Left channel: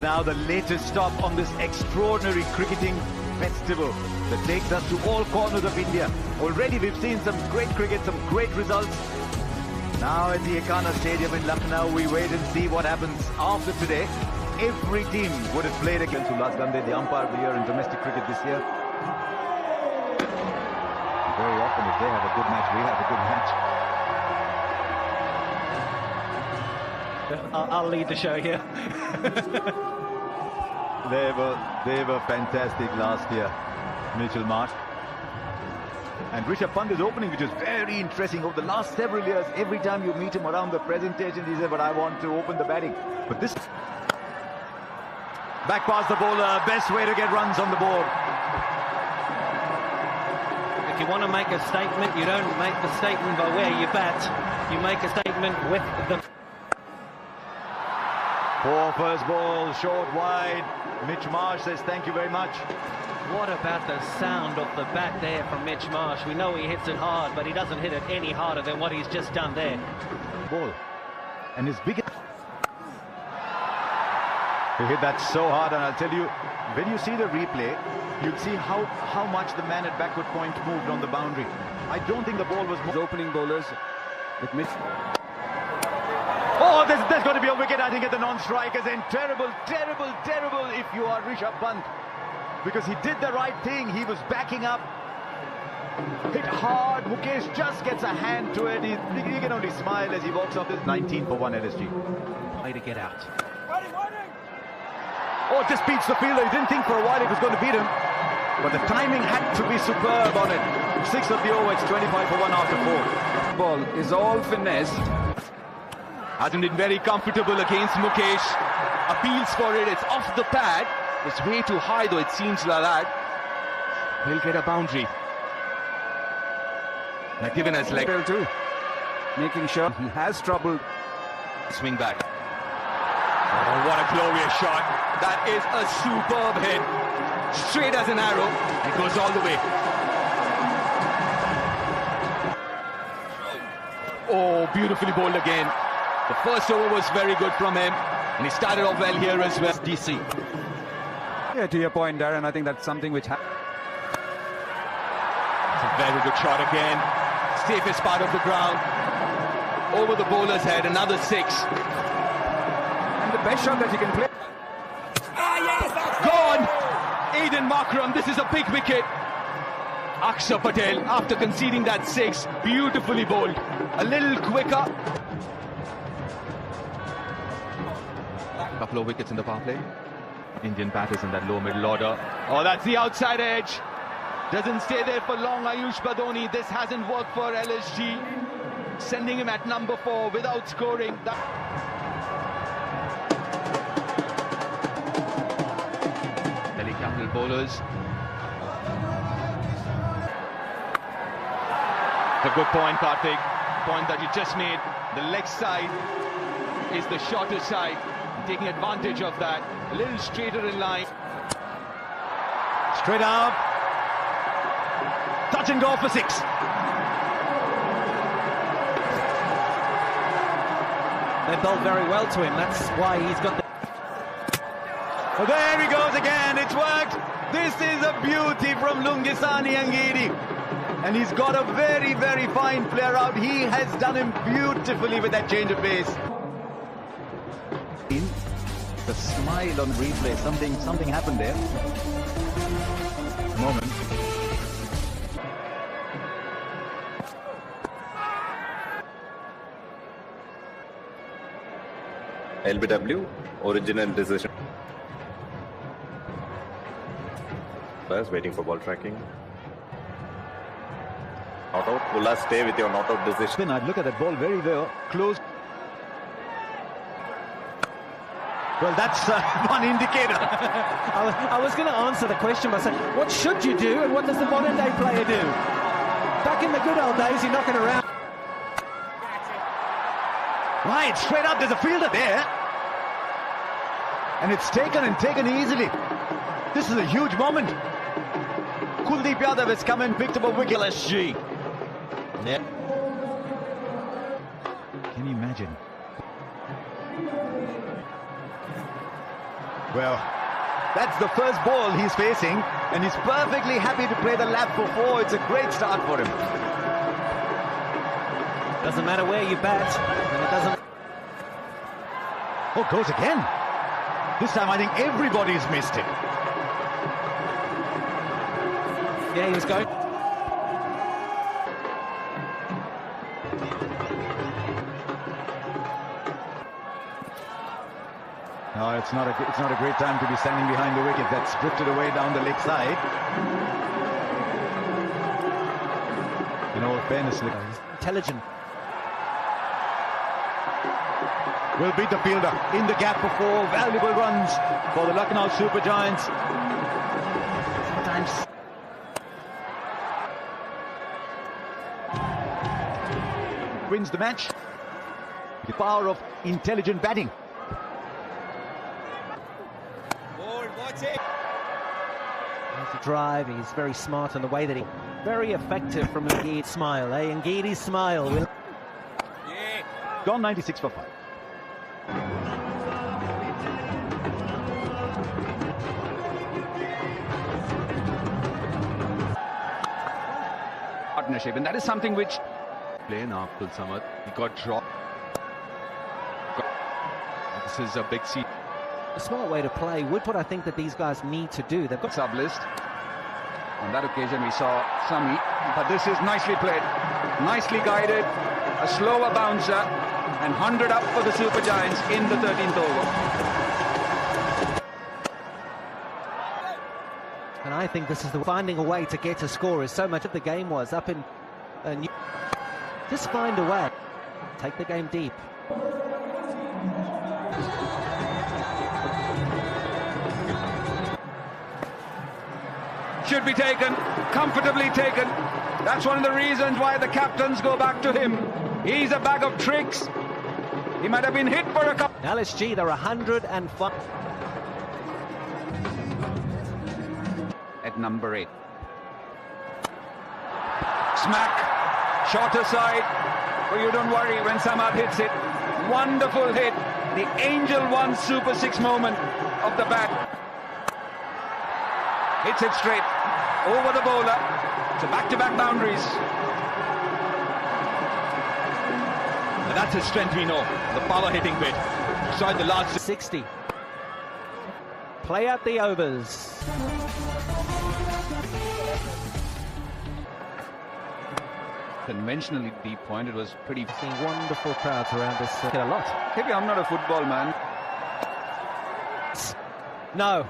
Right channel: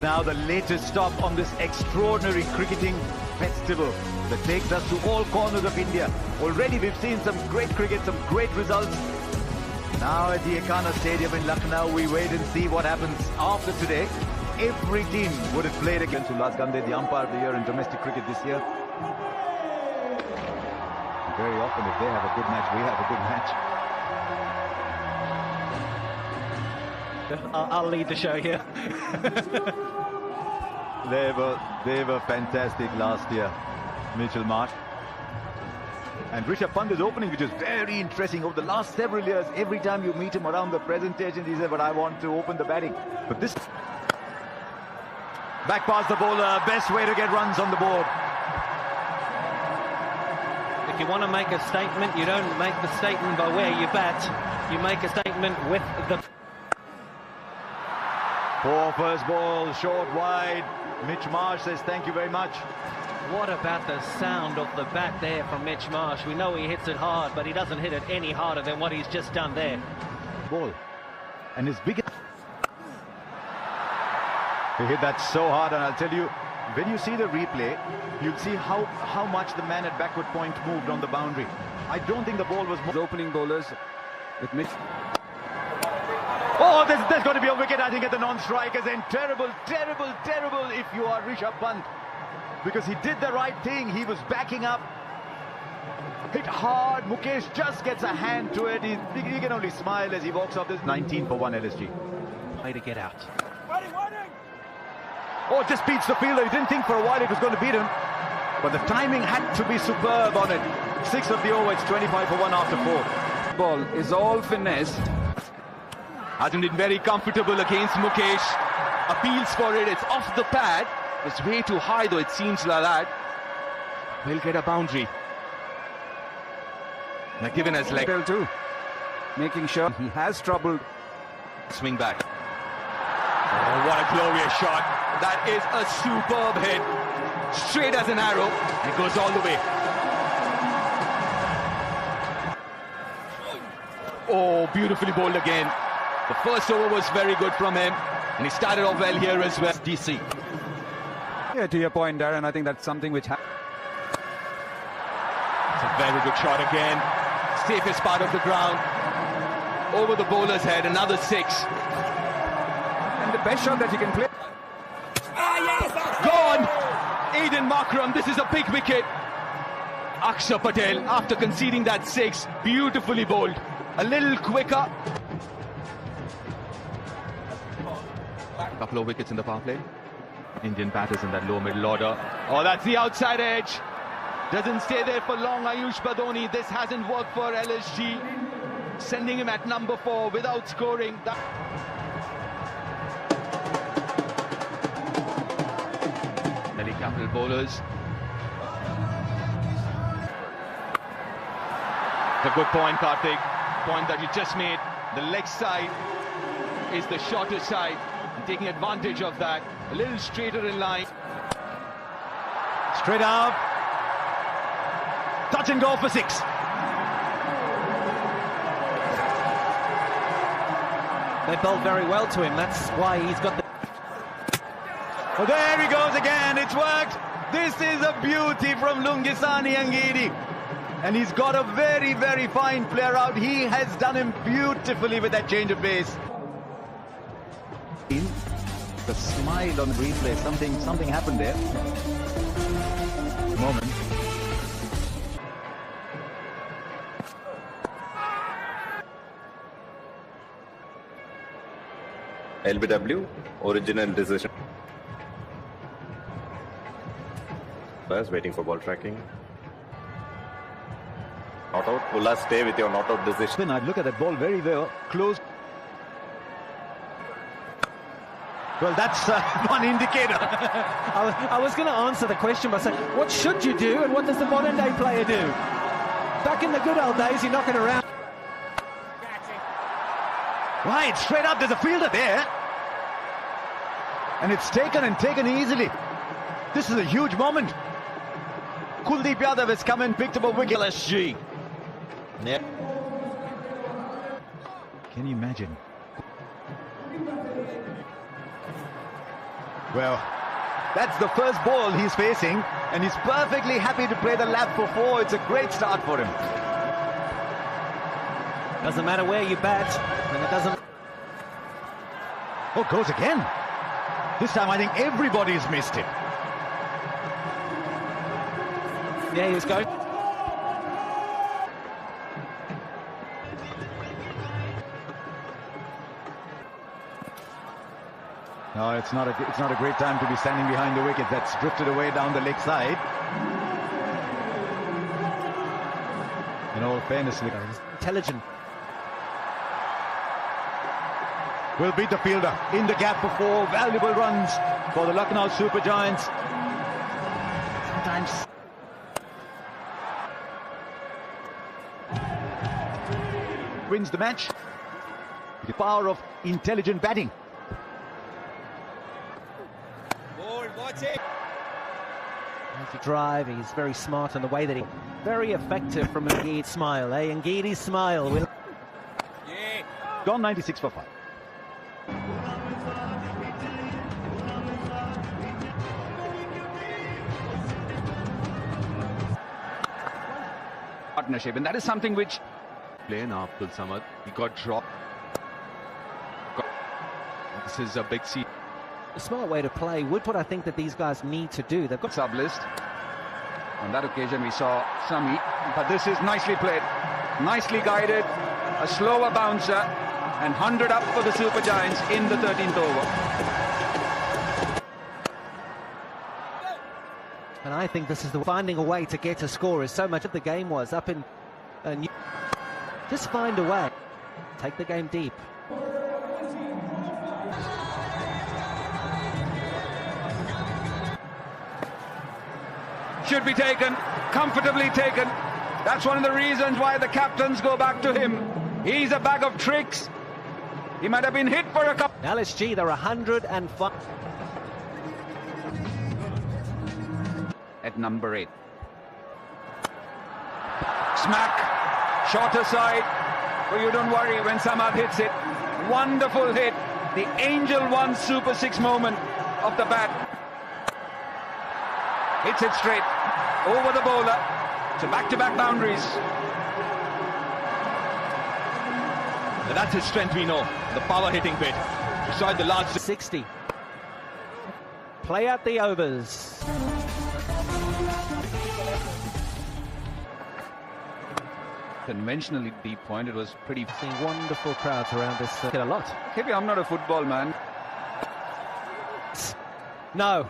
Now the latest stop on this extraordinary cricketing festival that takes us to all corners of India. Already we've seen some great cricket, some great results. Now at the Ekana Stadium in Lucknow, we wait and see what happens after today. Every team would have played against who last done the umpire of the year in domestic cricket this year. Very often if they have a good match, we have a good match. I'll need to show you. They were fantastic last year, Mitchell Marsh. And Rishabh Pant is opening, which is very interesting. Over the last several years, every time you meet him around the presentation, he says, but I want to open the batting. But this back past the bowler, best way to get runs on the board. If you want to make a statement, you don't make the statement the way you bat. You make a statement with the... Poor first ball, short wide. Mitch Marsh says thank you very much. What about the sound of the bat there from Mitch Marsh? We know he hits it hard, but he doesn't hit it any harder than what he's just done there. Ball. And his biggest... He hit that so hard, and I'll tell you, when you see the replay, you'll see how much the man at backward point moved on the boundary. I don't think the ball was opening bowlers. Oh, this is going to be a wicket, I think, at the non-strikers, and terrible if you are Rishabh Pant. Because he did the right thing, he was backing up. Hit hard, Mukesh just gets a hand to it. You can only smile as he walks off this 19 for 1 LSG. Way to get out. Oh, just beats the fielder. He didn't think for a while he was going to beat him. But the timing had to be superb on it. 6 of the over, it's 25 for 1 after 4. Ball is all finessed. Hasn't been very comfortable against Mukesh. Appeals for it, it's off the pad. It's way too high though, it seems like that. He'll get a boundary. They're given us like too. Making sure he has trouble. Swing back. Oh, what a glorious shot. That is a superb hit. Straight as an arrow. It goes all the way. Oh, beautifully bowled again. The first over was very good come in. And he started off well here as vsDc. Yeah, to your point, Darren, I think that's something which happened. A very good shot again. Still this part of the ground. Over the bowler's head, another 6. And the best shot that you can play. Gone! Aiden Makram, this is a big wicket. Akshar Patel, after conceding that 6, beautifully bowled. A little quicker. Couple of wickets in the power play. Indian batters in that low middle order. Oh, that's the outside edge. Doesn't stay there for long, Ayush Badoni. This hasn't worked for LSG. Sending him at number 4 without scoring. Delhi Capital bowlers. A good point, Karthik. That you just made. The leg side is the shortest side. And taking advantage of that. A little straighter in line. Straight up. Touch and go for 6. They bowled very well to him, that's why he's got the... Oh, there he goes again, it's whacked. This is a beauty from Lungisani Angidi. And he's got a very fine player out. He has done him beautifully with that change of pace. The smile on the replay, something happened there. The moment. LBW, original decision. That's waiting for ball tracking. Not out. Ulla, stay with your not out decision. I'd look at that ball very well. Close. Well, that's one indicator. I was going to answer the question by saying, what should you do and what does the modern day player do? Back in the good old days, you're knocking around. Right, straight up, there's a fielder there. And it's taken easily. This is a huge moment. Kuldeep Yadav has come and picked up a wicket. LSG. Yep. Can you imagine? Well, that's the first ball he's facing, and he's perfectly happy to play the lap for 4. It's a great start for him. Doesn't matter where you bat, and it doesn't... Oh, goes again. This time I think everybody's missed it. Yeah, he's going. It's not a great time to be standing behind the wicket. That's drifted away down the leg side. In all fairness, Intelligent. will beat the fielder in the gap for 4 valuable runs for the Lucknow Super Giants. Sometimes wins the match. The power of intelligent batting. Drive, he's very smart in the way that he... Very effective from Ngeedi's smile, eh? Ngeedi's smile. Yeah. Gone 96 for 5. Partnership, and that is something which... Playing after summer, he got dropped. This is a big seat. A smart way to play, what I think that these guys need to do. They've got Sub list. On that occasion we saw Sami, but this is nicely played, nicely guided, a slower bouncer, and 100 up for the Super Giants in the 13th over. And I think this is finding a way to get a score, as so much of the game was up in... just find a way. Take the game deep. Should be taken, comfortably taken. That's one of the reasons why the captains go back to him. He's a bag of tricks. He might have been hit for a couple. LSG, they're 105. At number 8. Smack, shorter side. But you don't worry when Samab hits it. Wonderful hit. The Angel 1 Super 6 moment of the bat. Hits it straight over the bowler to back-to-back boundaries. And that's his strength, we know. The power hitting bit. Showed the last 60. Play out the overs. Conventionally deep point, it was pretty... See wonderful crowds around this. A lot. Maybe I'm not a football man. No.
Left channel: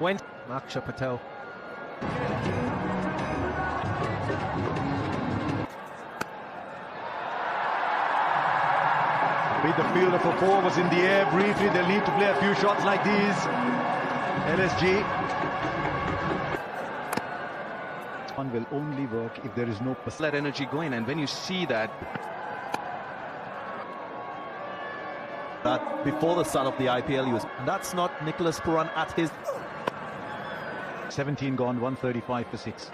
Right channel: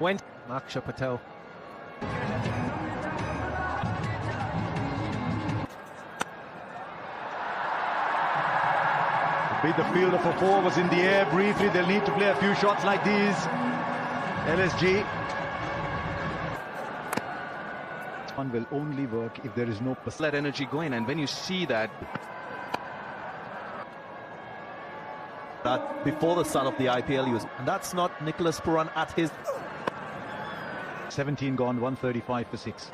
Went. Akshay Patel. With the fielder for 4 was in the air briefly. They'll need to play a few shots like these. LSG. One will only work if there is no Let energy go in, and when you see that before the start of the ipL, and that's not Nicholas Puran at his 17 gone, 135 for 6.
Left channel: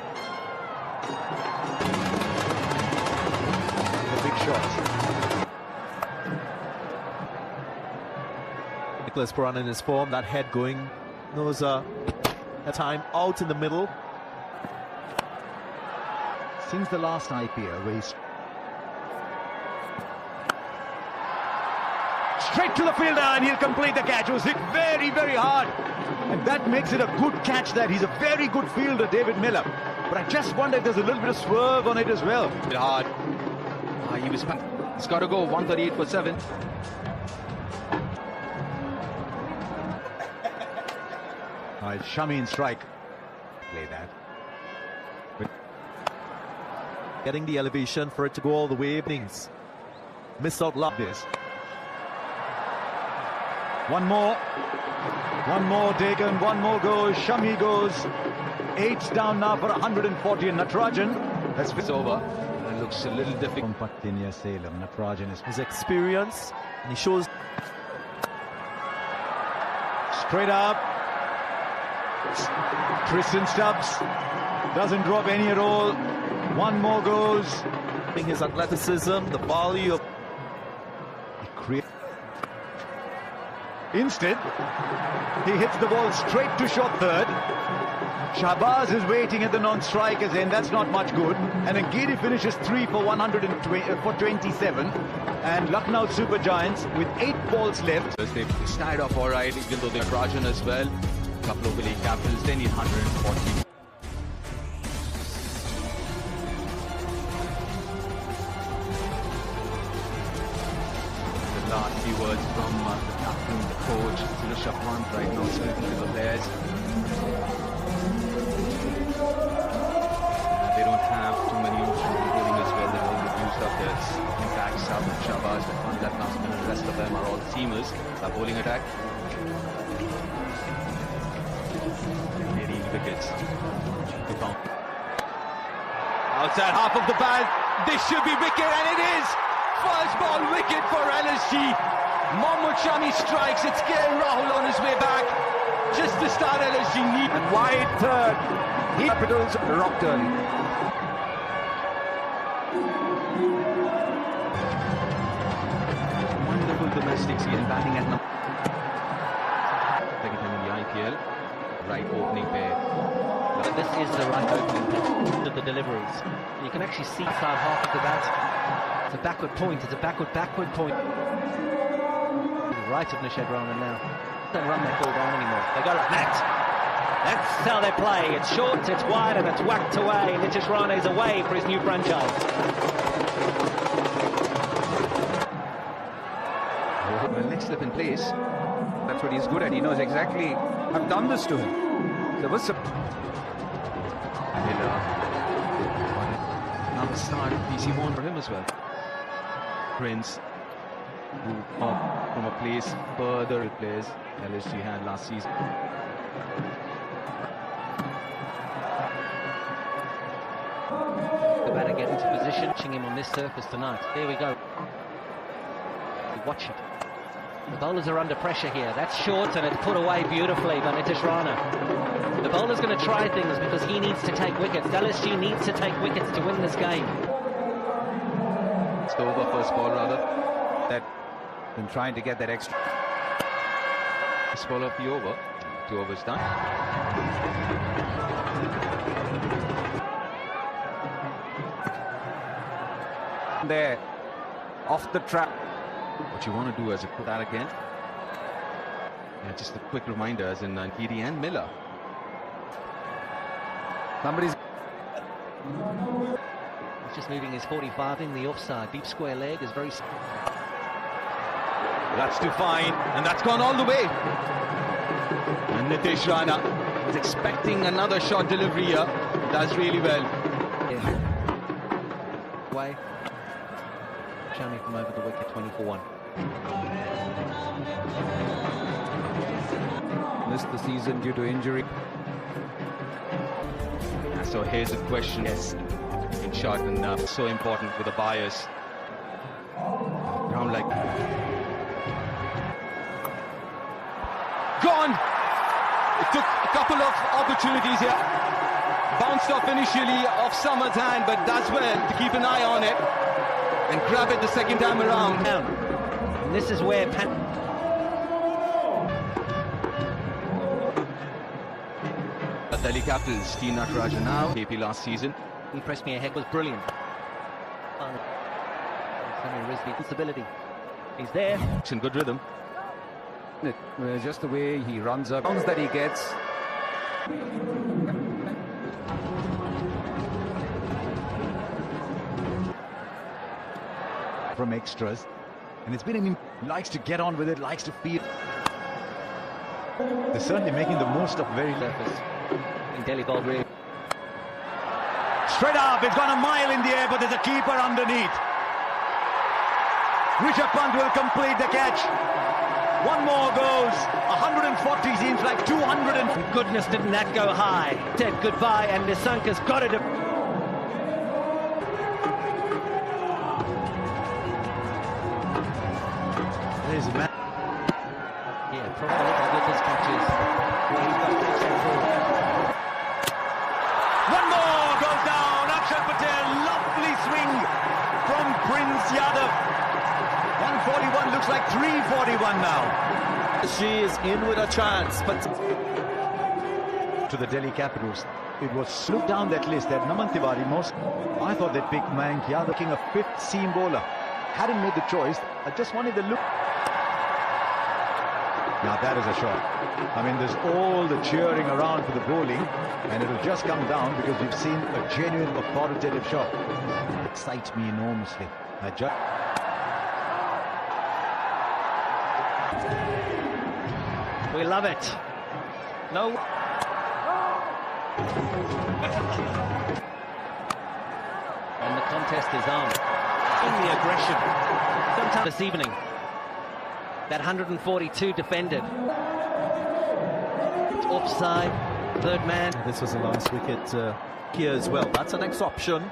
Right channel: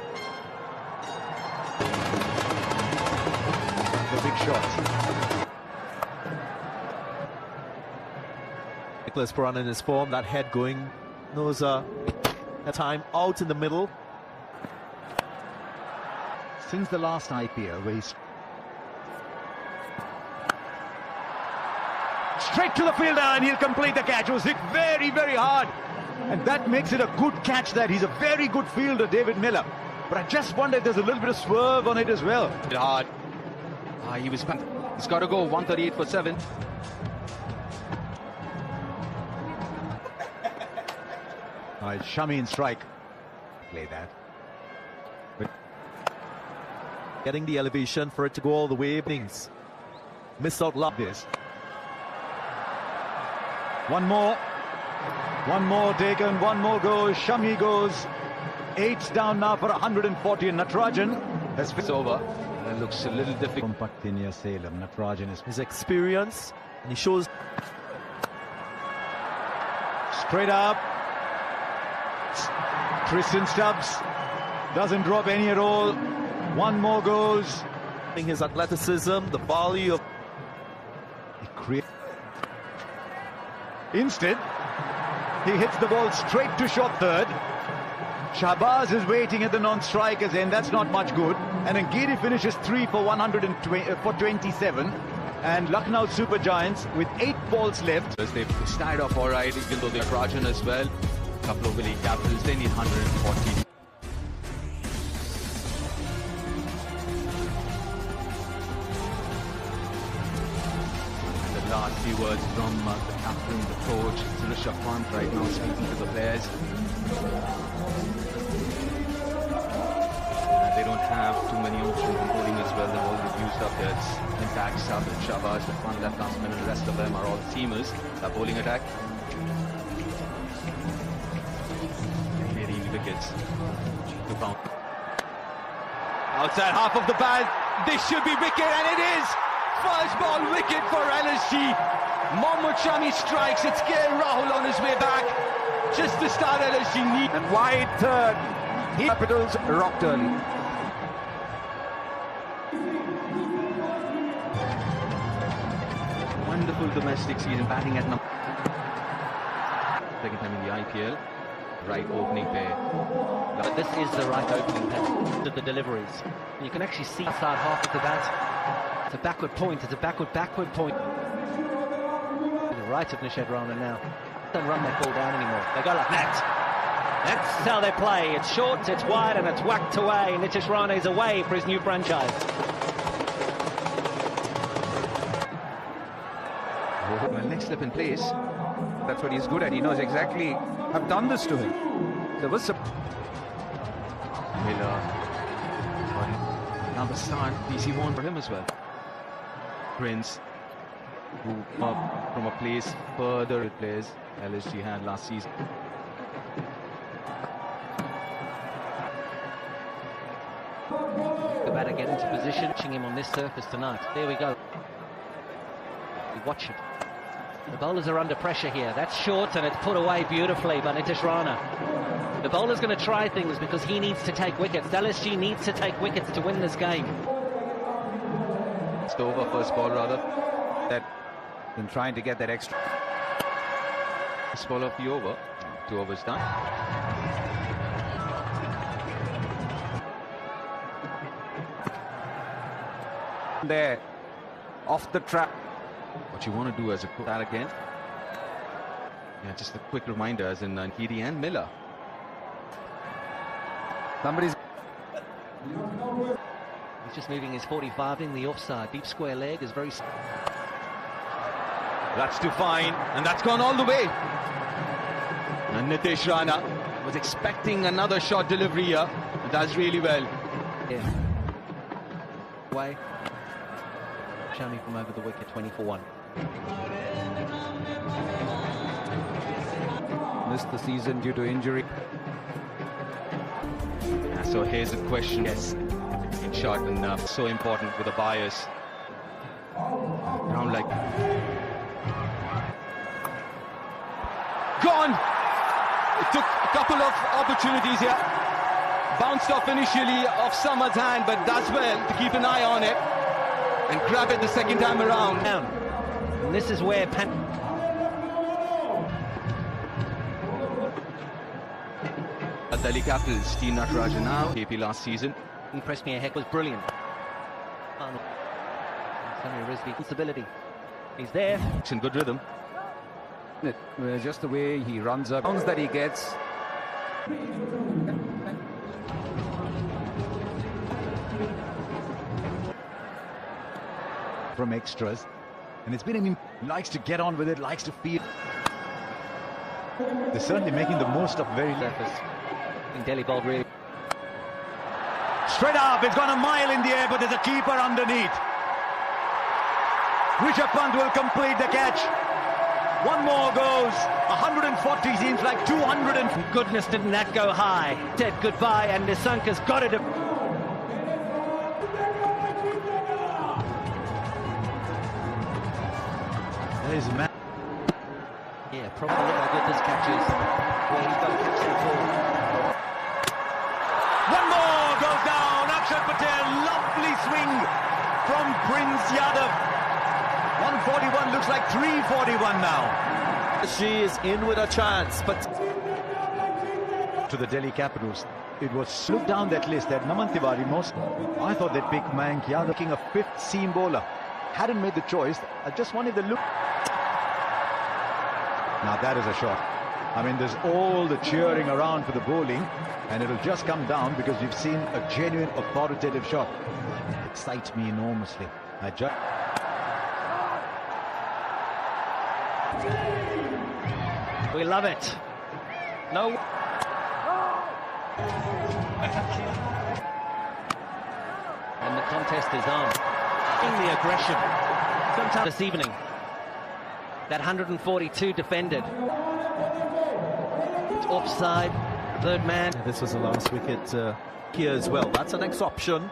Big shots. Nicholas Puran in his form, that head going, knows a time out in the middle. Since the last ipL, where he's straight to the fielder and he'll complete the catch. It was hit very, very hard. And that makes it a good catch there. He's a very good fielder, David Miller. But I just wonder if there's a little bit of swerve on it as well. Hard. He's got to go 138 for 7. Right, Shami in strike. Play that. Getting the elevation for it to go all the way. Miss out like this. One more taken, one more goes. Shami goes. 8 down now for 140 and Natarajan. That's over. It looks a little difficult. Natarajan is his experience, and he shows straight up. Tristan Stubbs doesn't drop any at all. One more goes. His athleticism, the volume. Instead, he hits the ball straight to short third. Shahbaz is waiting at the non-striker's end. That's not much good. And Angiri finishes 3 for 127. And Lucknow Super Giants with 8 balls left. They started off all right. He's going to get Rajan as well. A couple of elite captains. They need 140. Last few words from the captain, the coach, Suresh Khan, very well speaking to the players. They don't have too many enemies where they will use up this attack. Saad Shahbaz, Mohammad Nasman, and the rest of them are all teamers. A bowling attack. Leading wickets. Outside half of the band. This should be wicket, and it is! First ball wicket for LSG. Mahmood Shami strikes. It's Gil Rahul on his way back. Just to start LSG need. And wide third. It becomes Rockton. Wonderful domestics here batting at taking them in the ipL. Right opening there. This is the right opening of the deliveries. You can actually see far half of the bat. It's a backward point. It's a backward point. Right of Nishad Rana now. Don't run that ball down anymore. They got it flat. That's how they're playing. It's short, it's wide, and it's whacked away. Nitish Rana is away for his new franchise. The next step in place. That's what he's good at. He knows exactly. I've done this to him. There was a Another side PC one for him as well. Prince, who plays further replays LSG had last season. They better get into position. Watching him on this surface tonight. There we go. Watch it. The bowlers are under pressure here. That's short and it's put away beautifully by Nitish Rana. The bowler's going to try things because he needs to take wickets. LSG needs to take wickets to win this game. It's over first ball rather. that been trying to get that extra. This ball up the over. 2 overs done. There, off the track. What you want to do as you put that again. Yeah, just a quick reminder as in Angiri and Miller. Somebody's. He's just leaving his 45 in the offside. Deep square leg is very. That's too fine, and that's gone all the way. And Nitish Rana was expecting another short delivery here. He does really well. Yeah. Way. Shami from over the wicket, 20-1. Missed the season due to injury. So here's a question is in short and so important for the buyers. Round like Gone! Took a couple of opportunities. It bounced off initially off Samad's hand, but that's when to keep an eye on it and grab it the second time around. And this is where Delhi Capitals, T. Natarajan now, KP last season. impressed me a heck was brilliant. Stability. He's there. It's in good rhythm. Just the way he runs up, that he gets. From extras, and it's been him. Likes to get on with it, likes to feel. He's certainly making the most of very purpose. And Delhi ball really. Straight up, it's got a mile in the air, but there's a keeper underneath. Rishabh Pant will complete the catch. One more goes. 140 seems like 200. Goodness, didn't that go high? Said goodbye, and Nisanka's got it. There's man. Yeah, probably looking at good catches. Yeah, he's got to step forward. One more goes down. Akshay Patel, lovely swing from Prince Yadav. 140. 41 looks like 341 now. She is in with a chance, but To the Delhi Capitals. It was shut down that list at Naman Tiwari most. I thought that big man, yeah, looking a fifth seam bowler. Hadn't made the choice. I just wanted the look. Now that is a shot. I mean, there's all the cheering around for the bowling, and it'll just come down because you've seen a genuine, authoritative shot. It excites me enormously. I just... We love it. No. And the contest is on. In the aggression. Sometime this evening. That 142 defended. Offside. Third man. this was a last wicket here as well. That's the next option.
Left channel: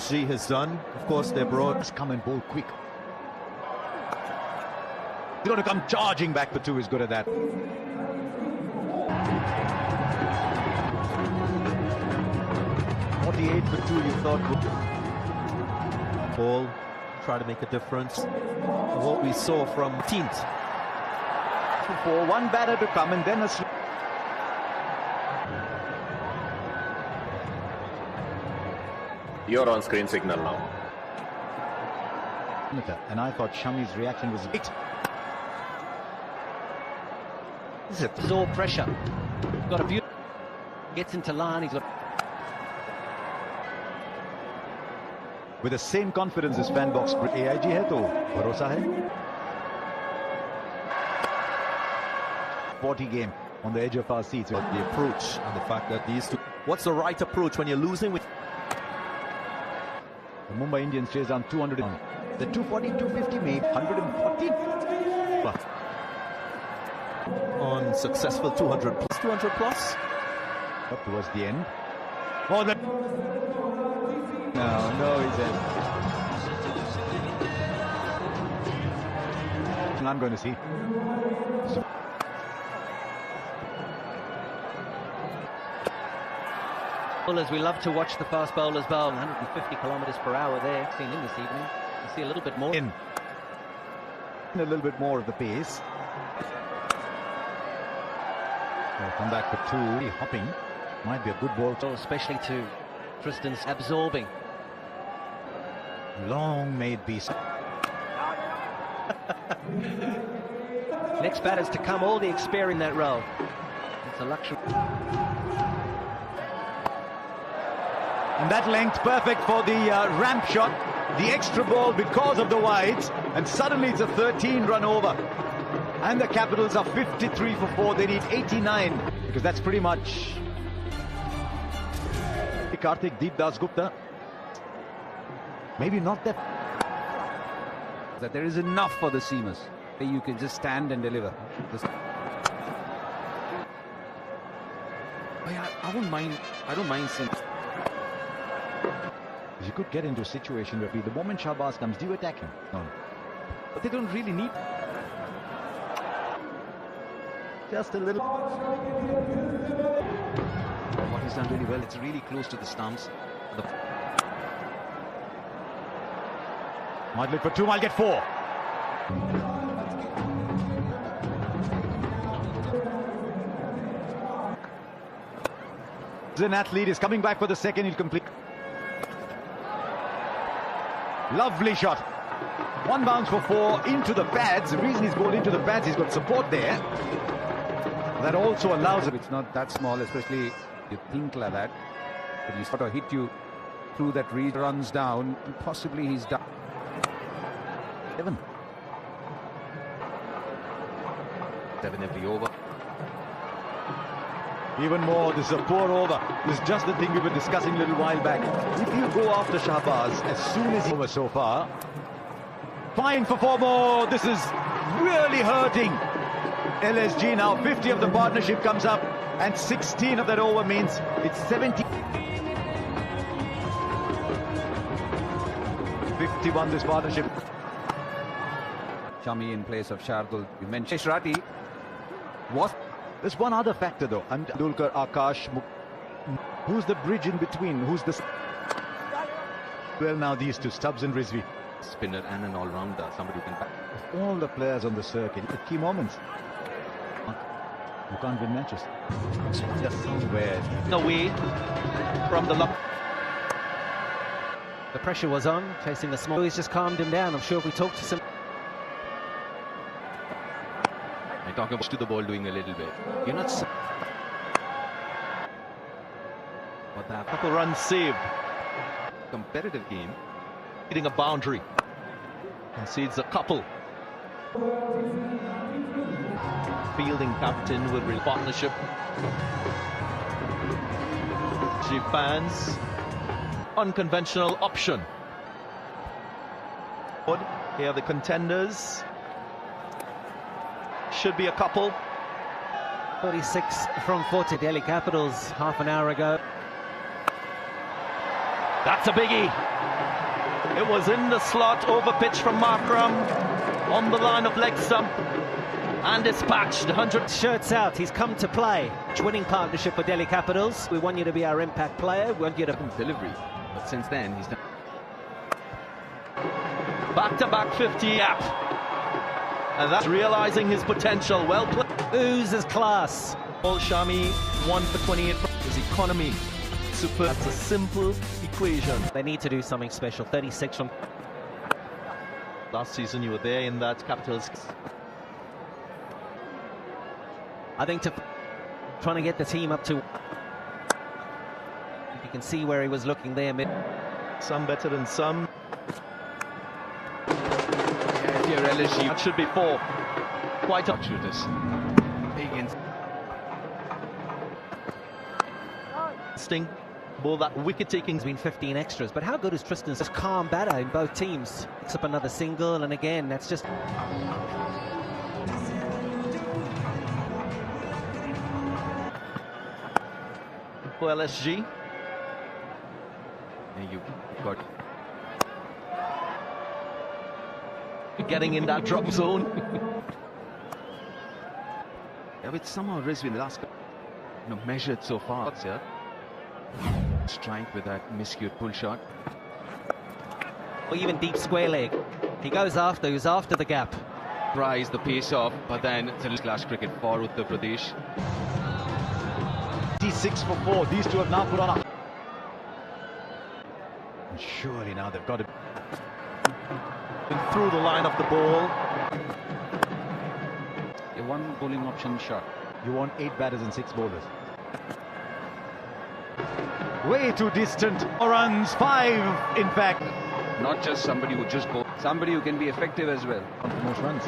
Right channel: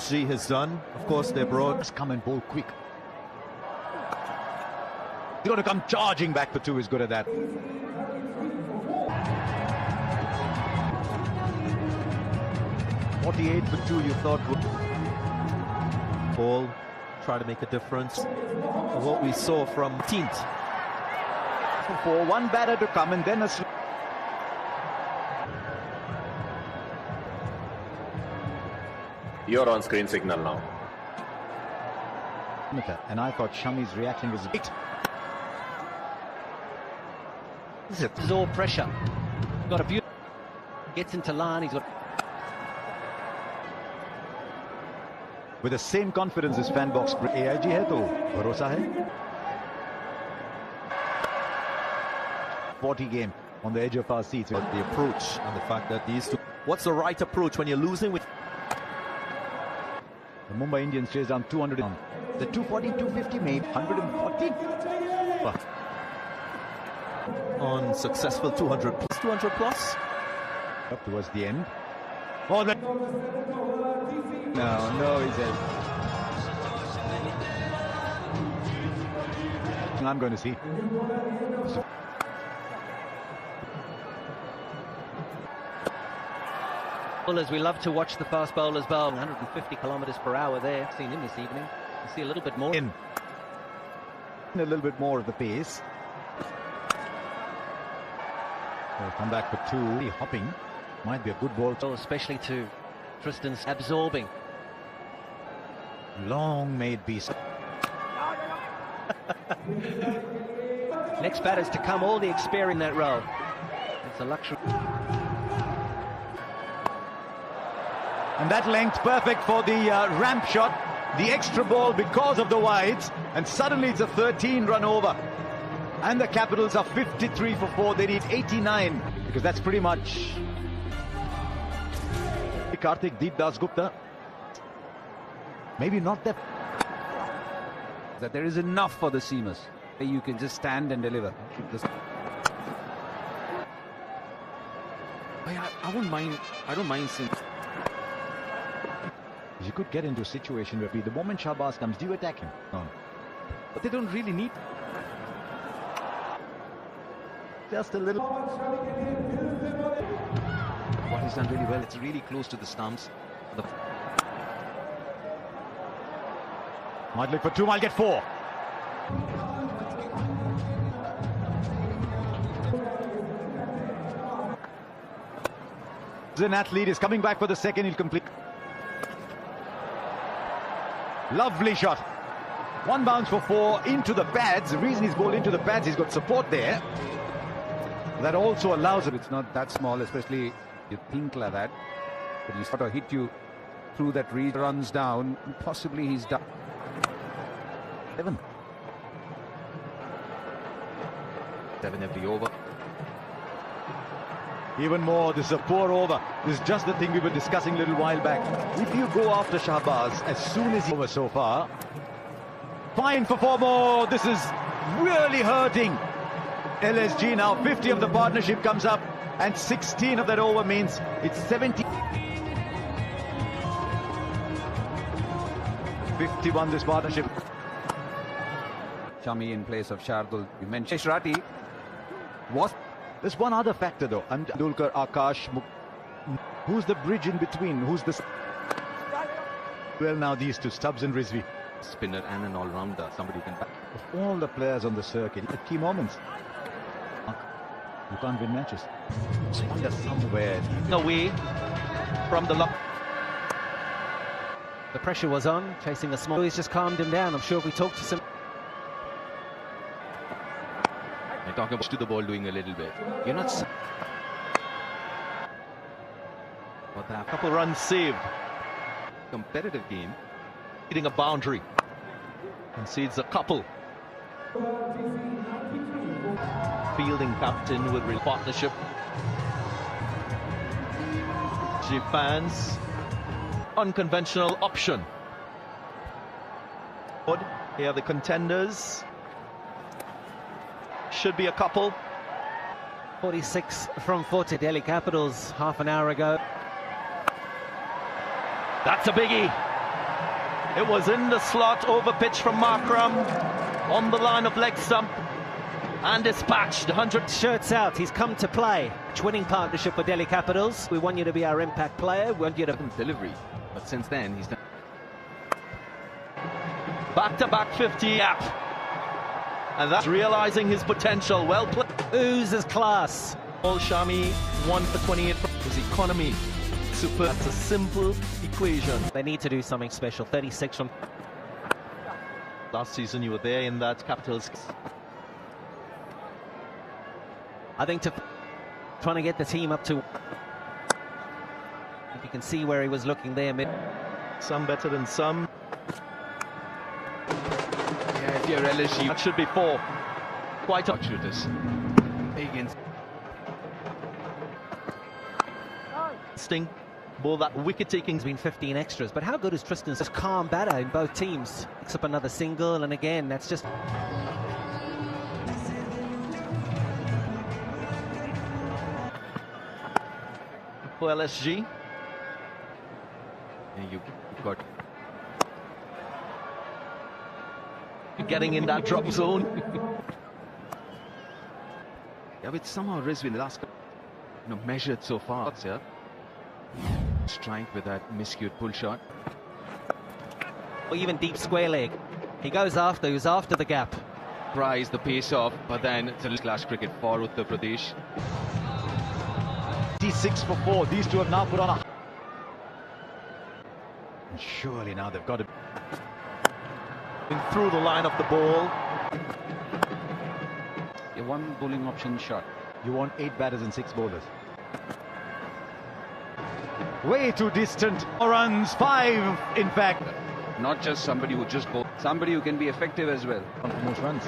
She has done. Of course, they brought. Come and bowl quick. He's going to come charging back for two. He's good at that. For two, he thought would Try to make a difference. What we saw from teams. for one batter to come, and then it's... You're on screen signal now. And I thought Shami's reaction was great. This is absorb pressure. Got a beautiful. Gets into line. He's With the same confidence as fan books, AIG hai to bharosa hai. 40 game on the edge of our seats. But the approach and the fact that these two. What's the right approach when you're losing with? The Mumbai Indians chased down 200. The 240, 250 made 140. On successful 200 plus. 200 plus. Up towards the end. More than... Oh, no, he's in. I'm going to see. bowlers. We love to watch the fast bowlers bowl. 150 kilometres per hour there. Seen in this evening. You see a little bit more. A little bit more of the pace. Come back for two. Hopping. Might be a good ball. Oh, especially to Tristan's absorbing. Long made beast. Next batters to come, all the experience in that role. It's a luxury. And that length perfect for the rump shot. The extra ball because of the wides. And suddenly it's a 13-run over. And the Capitals are 53 for 4. They need 89. Because that's pretty much... Karthik Deep Das Gupta. Maybe not that. But there is enough for the seamers. You can just stand and deliver. I don't mind seeing. You could get into a situation where the moment Shahbaz comes, do you attack him? No. But they don't really need. Just a little. He's done really well. It's really close to the stumps. Might look for two, I'll get four. An athlete is coming back for the second, he'll complete. Lovely shot. One bounce for four into the pads. The reason he's going into the pads, he's got support there. That also allows it. It's not that small, especially you think like that. But he's got to hit you through that reed, runs down, and possibly he's done. 7 every over. Even more, this is a poor over. This is just the thing we were discussing a little while back. If you go after Shahbaz as soon as he was so far, fine for four more. This is really hurting LSG now. 50 of the partnership comes up, and 16 of that over means it's 70. 51 this partnership. Shami in place of Shardul. You mentioned Shrati. What? There's one other factor though. And Dulkar, Akash, who's the bridge in between? Who's the... Well, now these two, Stubbs and Rizvi. spinner and an all-rounder, somebody who can back. All the players on the circuit at key moments. You can't win matches. Just somewhere. Away from the lock. The pressure was on, chasing the small. He's just calmed him down. I'm sure we talked to some. I'm talking to the ball doing a little bit. You're not. But a couple runs saved. Competitive game. Hitting a boundary. Concedes a couple. Fielding captain with partnership. G fans. Unconventional option. Here are the contenders. Should be a couple. 46 from 40 Delhi Capitals half an hour ago. That's a biggie. It was in the slot, over pitch from Markram, on the line of Lexton, and dispatched. 100 Shirts out, he's come to play. Winning partnership with Delhi Capitals. We want you to be our impact player. We want you to delivery. But since then, he's done back-to-back 50 out. And that's realizing his potential. Well played. Who's his class? Paul Shami, 1 for 28. His economy. Super. That's a simple equation. They need to do something special. 36 from Last season you were there in that Capitals. I think trying to get the team up to. If you can see where he was looking there. Some better than some. Here LSU should be 4. Quite a shooters. Sting. Ball that wicket taking's Been 15 extras, but how good is Tristan's just calm batter in both teams? Picks up another single, and again, that's just. for LSG. But getting in that drop zone. Yeah, but somehow Rizwin last measured so far. Yeah. Strike with that miscued pull shot. Or even deep square leg. He goes after, he's after the gap. Rise the pace up, but then it's Clash cricket for Uttar Pradesh. He's 6 for 4. These two have not put on. Surely now they've got it. Through the line of the ball. A one bowling option shot. You want 8 batters and 6 bowlers. Way too distant. 4 runs, 5 in fact. Not just somebody who just bowls, somebody who can be effective as well on most runs.